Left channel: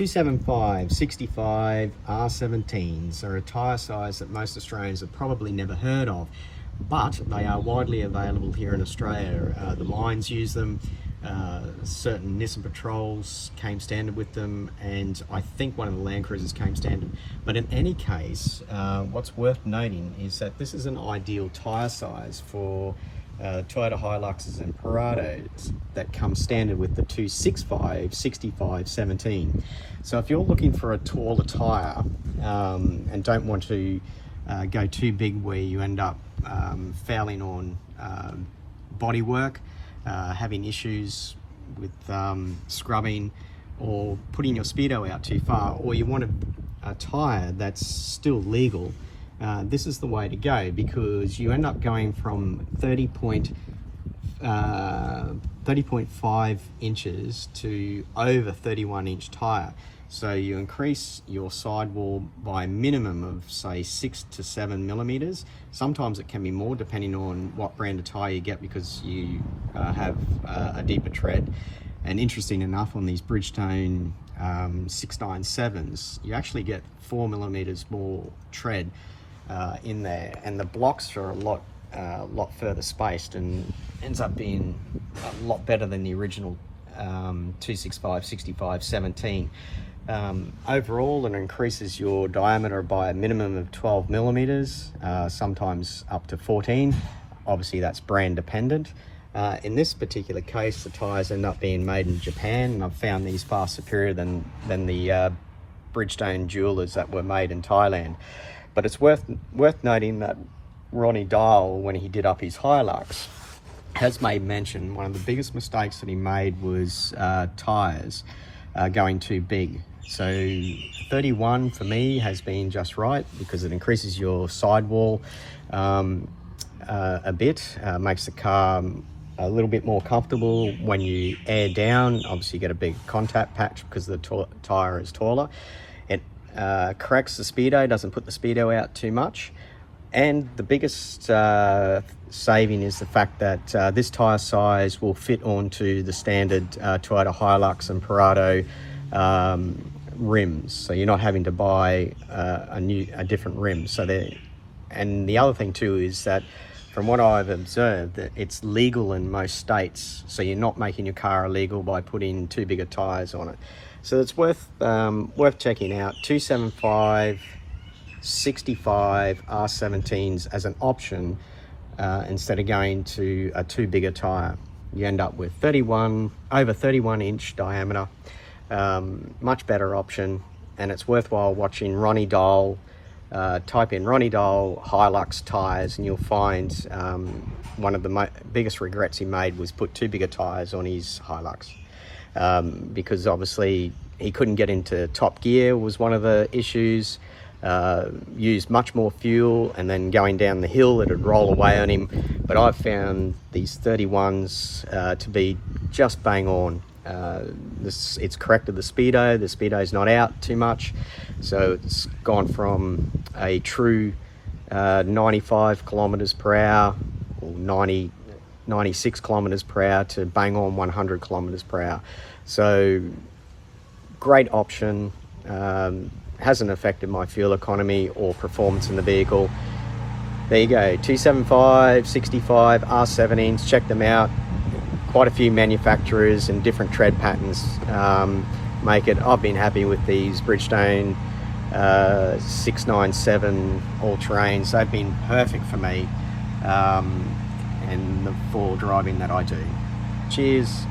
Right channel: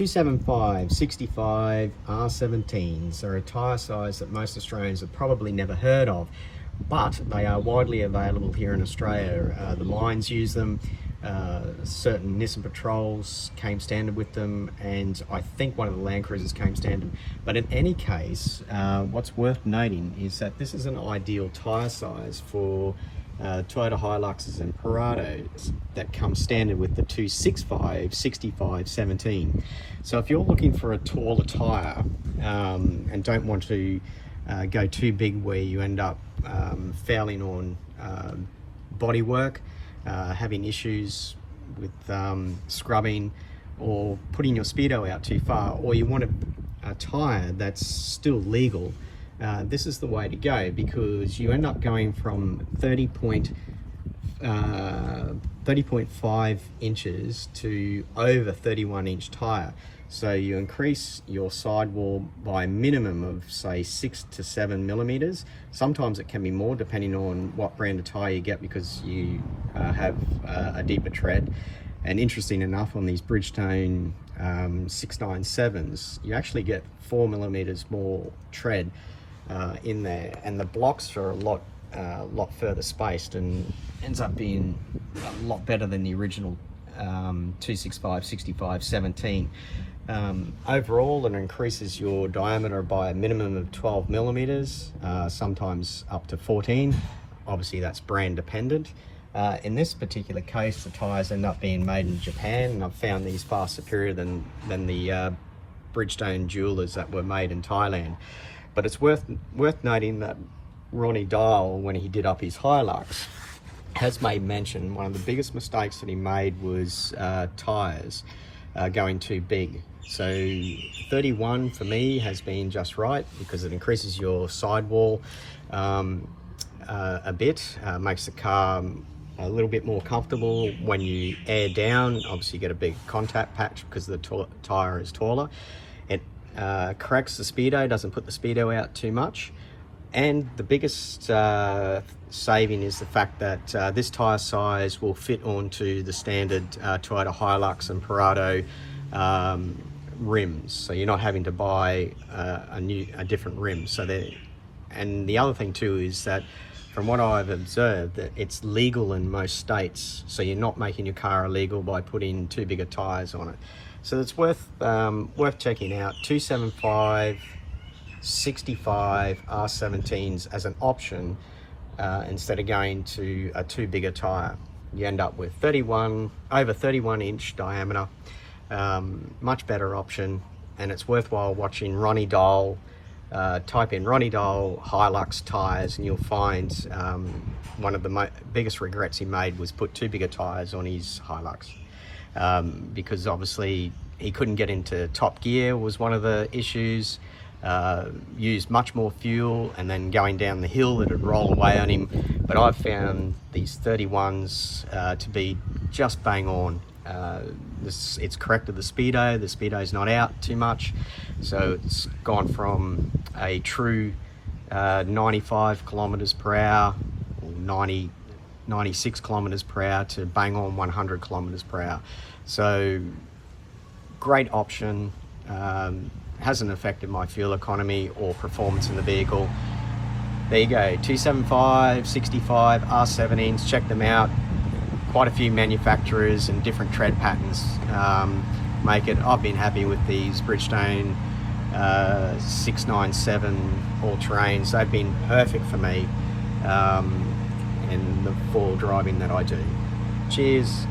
275 65 R17s are a tyre size that most Australians have probably never heard of, but they are widely available here in Australia. The mines use them, certain Nissan Patrols came standard with them, and I think one of the Land Cruisers came standard. But in any case, what's worth noting is that this is an ideal tyre size for Toyota Hiluxes and Prados that come standard with the 265 65 17. So if you're looking for a taller tyre and don't want to go too big where you end up fouling on bodywork, having issues with scrubbing, or putting your speedo out too far, or you want a tyre that's still legal, this is the way to go, because you end up going from 30.5 inches to over 31-inch tyre. So you increase your sidewall by a minimum of, say, 6 to 7 millimeters. Sometimes it can be more depending on what brand of tyre you get, because you have a deeper tread. And interesting enough, on these Bridgestone 697s, you actually get 4 millimeters more tread in there, and the blocks are a lot further spaced, and ends up being a lot better than the original 265 65 17. Overall, it increases your diameter by a minimum of 12 millimeters, sometimes up to 14. Obviously that's brand dependent. In this particular case, the tyres end up being made in Japan, and I've found these far superior than the Bridgestone jewelers that were made in Thailand. But it's worth noting that Ronny Dahl, when he did up his Hilux, has made mention one of the biggest mistakes that he made was tyres going too big. So 31 for me has been just right, because it increases your sidewall a bit, makes the car a little bit more comfortable when you air down. Obviously you get a big contact patch because the tyre is taller. It corrects the speedo, doesn't put the speedo out too much. And the biggest saving is the fact that this tyre size will fit onto the standard Toyota Hilux and Prado rims, so you're not having to buy a different rim. And the other thing too is that, from what I've observed, that it's legal in most states, so you're not making your car illegal by putting too big of tyres on it. So it's worth checking out. 275 65 R17s as an option, instead of going to a too big a tyre. You end up with over 31 inch diameter. Much better option, and it's worthwhile watching Ronny Dahl. Type in Ronny Dahl Hilux tyres, and you'll find one of the biggest regrets he made was put too big of tyres on his Hilux, because obviously he couldn't get into top gear was one of the issues. Used much more fuel, and then going down the hill it'd roll away on him. But I've found these 31s to be just bang on. It's corrected the speedo's not out too much, so it's gone from a true 95 kilometers per hour, or 96 kilometers per hour, to bang on 100 kilometers per hour. So great option. Hasn't affected my fuel economy or performance in the vehicle. There you go, 275 65 R17s, check them out. Quite a few manufacturers and different tread patterns make it. I've been happy with these Bridgestone 697 all-terrains. They've been perfect for me and the full driving that I do. Cheers.